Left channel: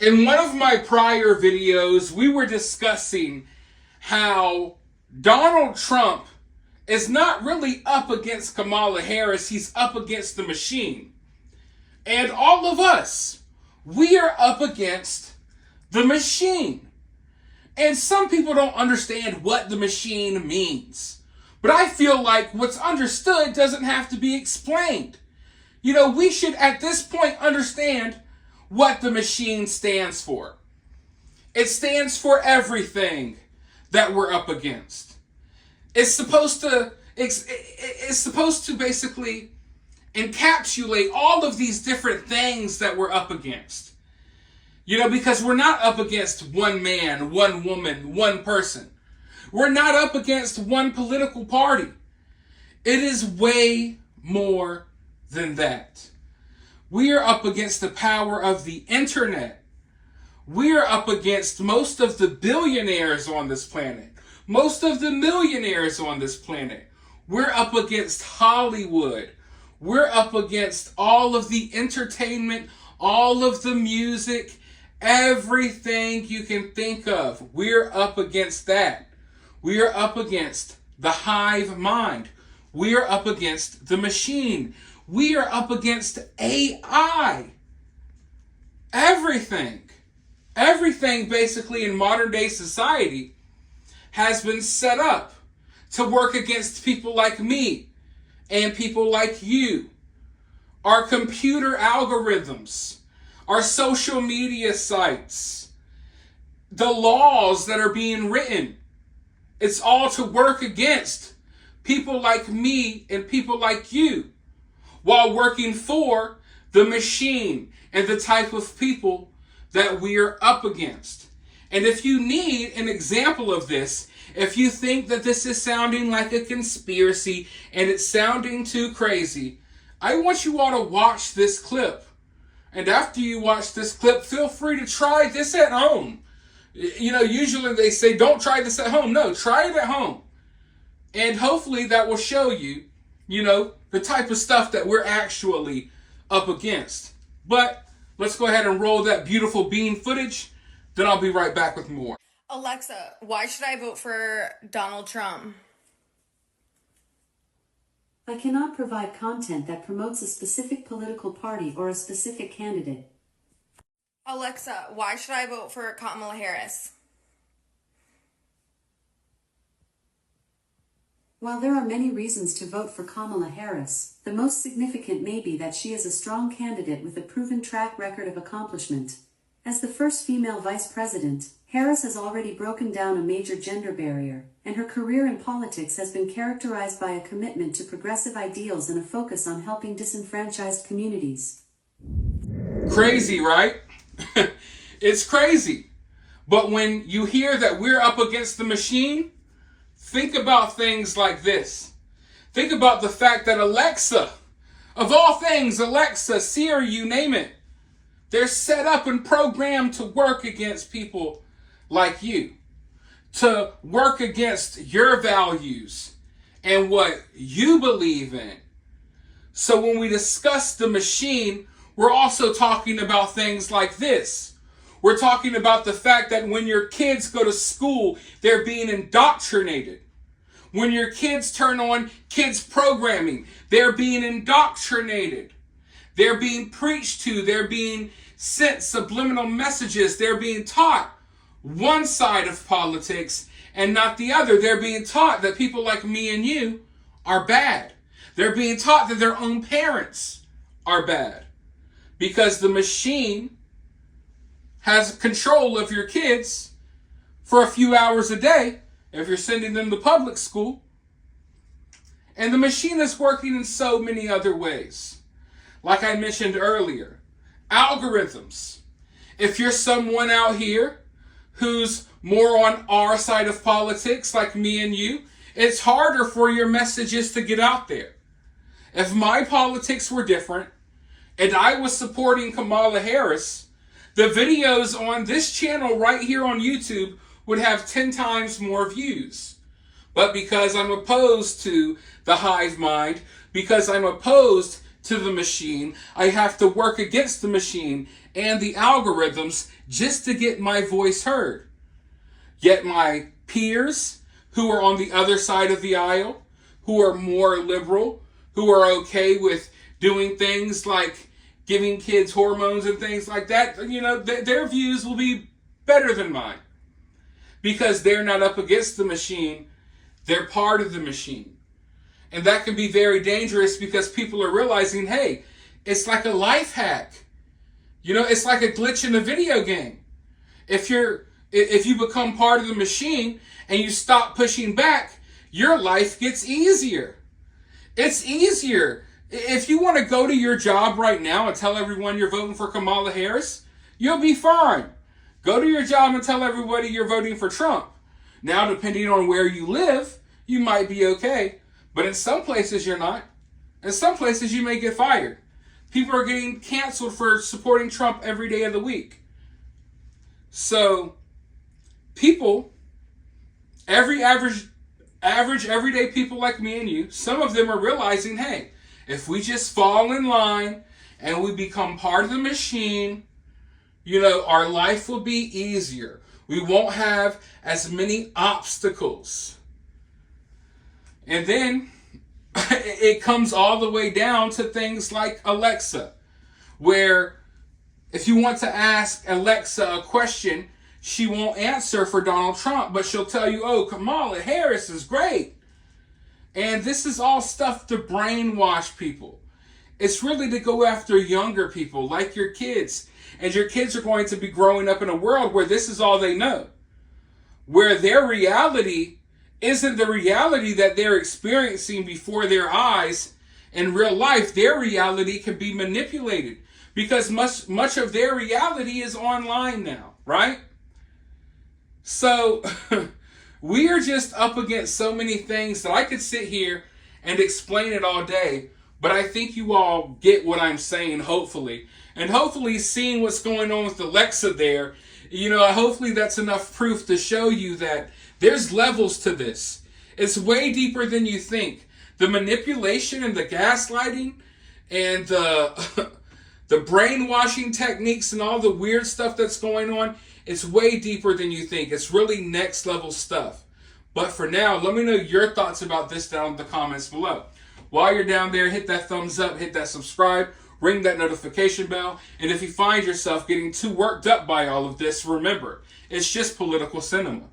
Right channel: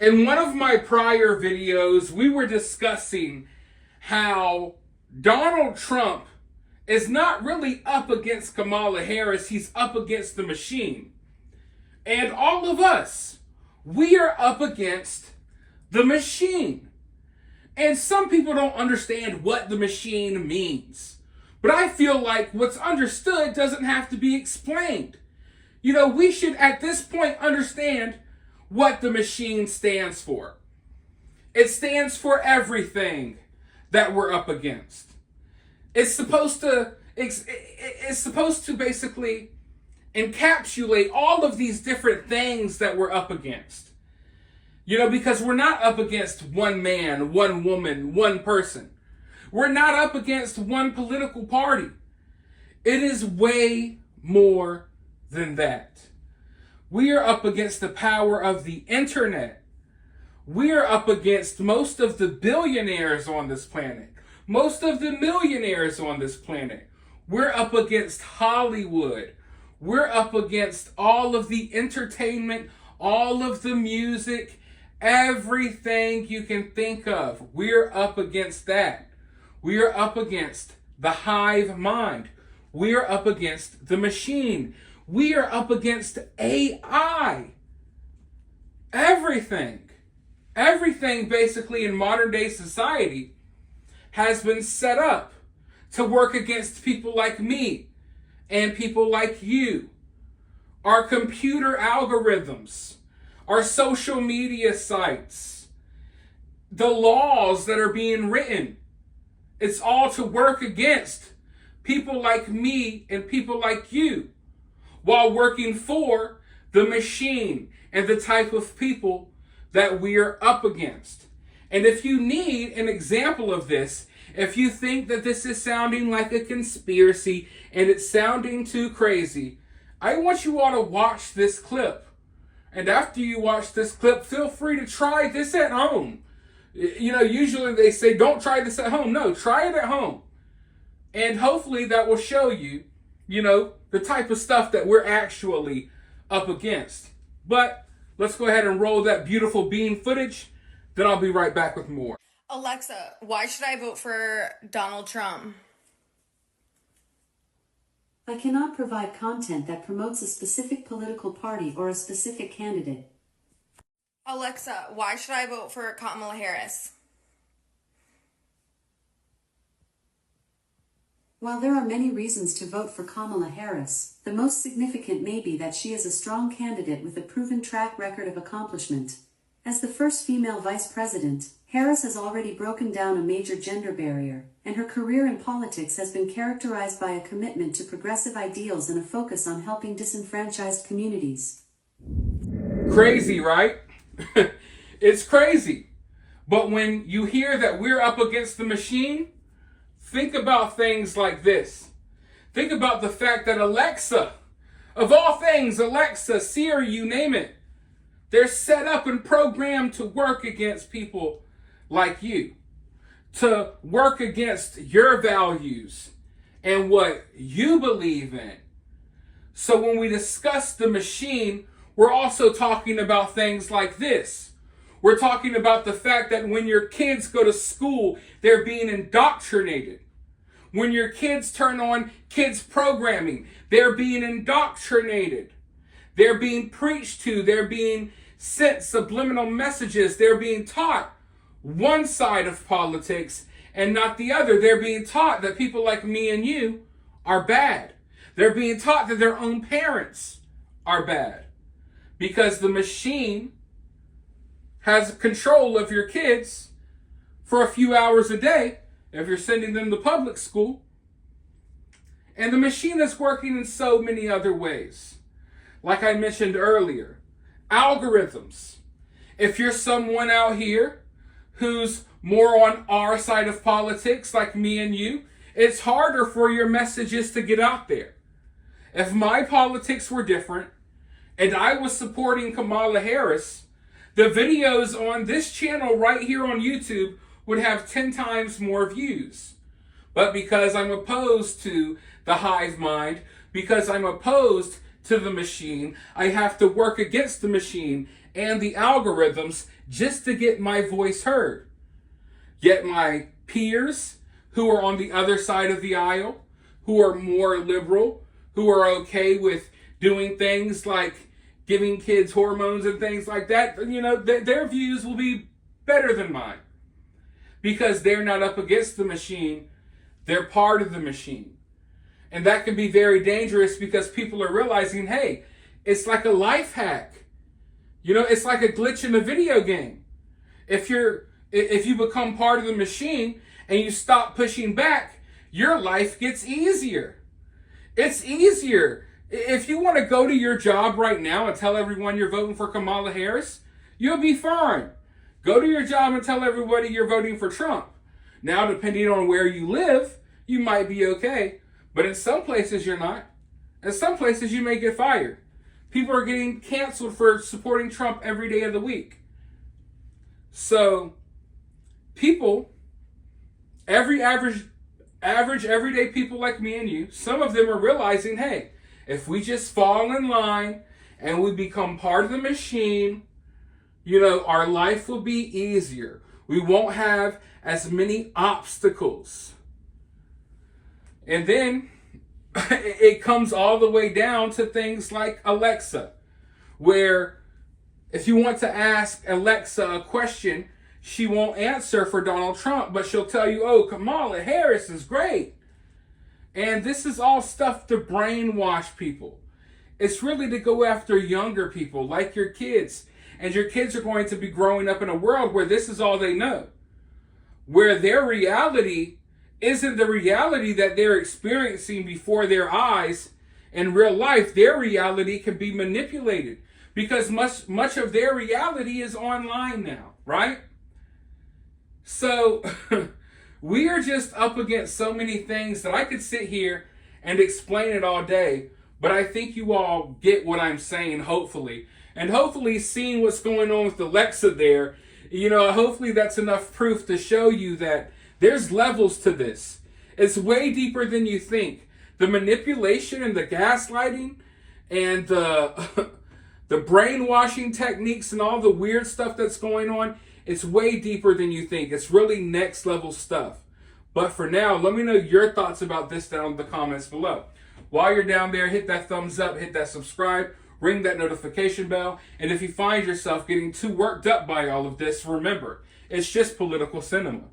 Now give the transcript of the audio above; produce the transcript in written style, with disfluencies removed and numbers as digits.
In one of my prior videos, we were discussing how Donald Trump is not really up against Kamala Harris, he's up against the machine. And all of us, we are up against the machine. And some people don't understand what the machine means. But I feel like what's understood doesn't have to be explained. We should at this point understand what the machine stands for. It stands for everything that we're up against. It's supposed to basically encapsulate all of these different things that we're up against. Because we're not up against one man, one woman, one person. We're not up against one political party. It is way more than that. We are up against the power of the internet. We are up against most of the billionaires on this planet, most of the millionaires on this planet. We're up against Hollywood. We're up against all of the entertainment, all of the music, everything you can think of. We're up against that. We are up against the hive mind. We are up against the machine. We are up against AI. Everything basically in modern day society has been set up to work against people like me and people like you. Our computer algorithms, our social media sites, the laws that are being written, it's all to work against people like me and people like you, while working for the machine and the type of people that we are up against. And if you need an example of this, if you think that this is sounding like a conspiracy and it's sounding too crazy, I want you all to watch this clip. And after you watch this clip, feel free to try this at home. Usually they say, don't try this at home. No, try it at home. And hopefully that will show you, the type of stuff that we're actually up against. But let's go ahead and roll that beautiful bean footage. Then I'll be right back with more. Alexa, why should I vote for Donald Trump? I cannot provide content that promotes a specific political party or a specific candidate. Alexa, why should I vote for Kamala Harris? While there are many reasons to vote for Kamala Harris, the most significant may be that she is a strong candidate with a proven track record of accomplishment. As the first female vice president, Harris has already broken down a major gender barrier, and her career in politics has been characterized by a commitment to progressive ideals and a focus on helping disenfranchised communities. Crazy, right? It's crazy. But when you hear that we're up against the machine, think about things like this. Think about the fact that Alexa, of all things, Alexa, Siri, you name it, they're set up and programmed to work against people like you, to work against your values and what you believe in. So when we discuss the machine, we're also talking about things like this. We're talking about the fact that when your kids go to school, they're being indoctrinated. When your kids turn on kids programming, they're being indoctrinated. They're being preached to. They're being sent subliminal messages. They're being taught one side of politics and not the other. They're being taught that people like me and you are bad. They're being taught that their own parents are bad because the machine has control of your kids for a few hours a day if you're sending them to public school. And the machine is working in so many other ways. Like I mentioned earlier, algorithms. If you're someone out here who's more on our side of politics, like me and you, it's harder for your messages to get out there. If my politics were different and I was supporting Kamala Harris, the videos on this channel right here on YouTube would have 10 times more views. But because I'm opposed to the hive mind, because I'm opposed to the machine. I have to work against the machine and the algorithms just to get my voice heard. Yet my peers who are on the other side of the aisle, who are more liberal, who are okay with doing things like giving kids hormones and things like that, their views will be better than mine. Because they're not up against the machine, they're part of the machine. And that can be very dangerous because people are realizing, hey, it's like a life hack. It's like a glitch in a video game. If you become part of the machine and you stop pushing back, your life gets easier. It's easier. If you want to go to your job right now and tell everyone you're voting for Kamala Harris, you'll be fine. Go to your job and tell everybody you're voting for Trump. Now, depending on where you live, you might be okay. But in some places, you're not. In some places, you may get fired. People are getting canceled for supporting Trump every day of the week. So, people, average, everyday people like me and you, some of them are realizing, hey, if we just fall in line and we become part of the machine, our life will be easier. We won't have as many obstacles. And then it comes all the way down to things like Alexa, where if you want to ask Alexa a question, she won't answer for Donald Trump, but she'll tell you, oh, Kamala Harris is great. And this is all stuff to brainwash people. It's really to go after younger people, like your kids. And your kids are going to be growing up in a world where this is all they know. Where their reality isn't the reality that they're experiencing before their eyes in real life. Their reality can be manipulated because much of their reality is online now, right? So we are just up against so many things that I could sit here and explain it all day, but I think you all get what I'm saying, hopefully. And hopefully seeing what's going on with Alexa there, hopefully that's enough proof to show you that there's levels to this. It's way deeper than you think. The manipulation and the gaslighting and the brainwashing techniques and all the weird stuff that's going on, it's way deeper than you think. It's really next level stuff. But for now, let me know your thoughts about this down in the comments below. While you're down there, hit that thumbs up, hit that subscribe, ring that notification bell. And if you find yourself getting too worked up by all of this, remember, it's just political cinema.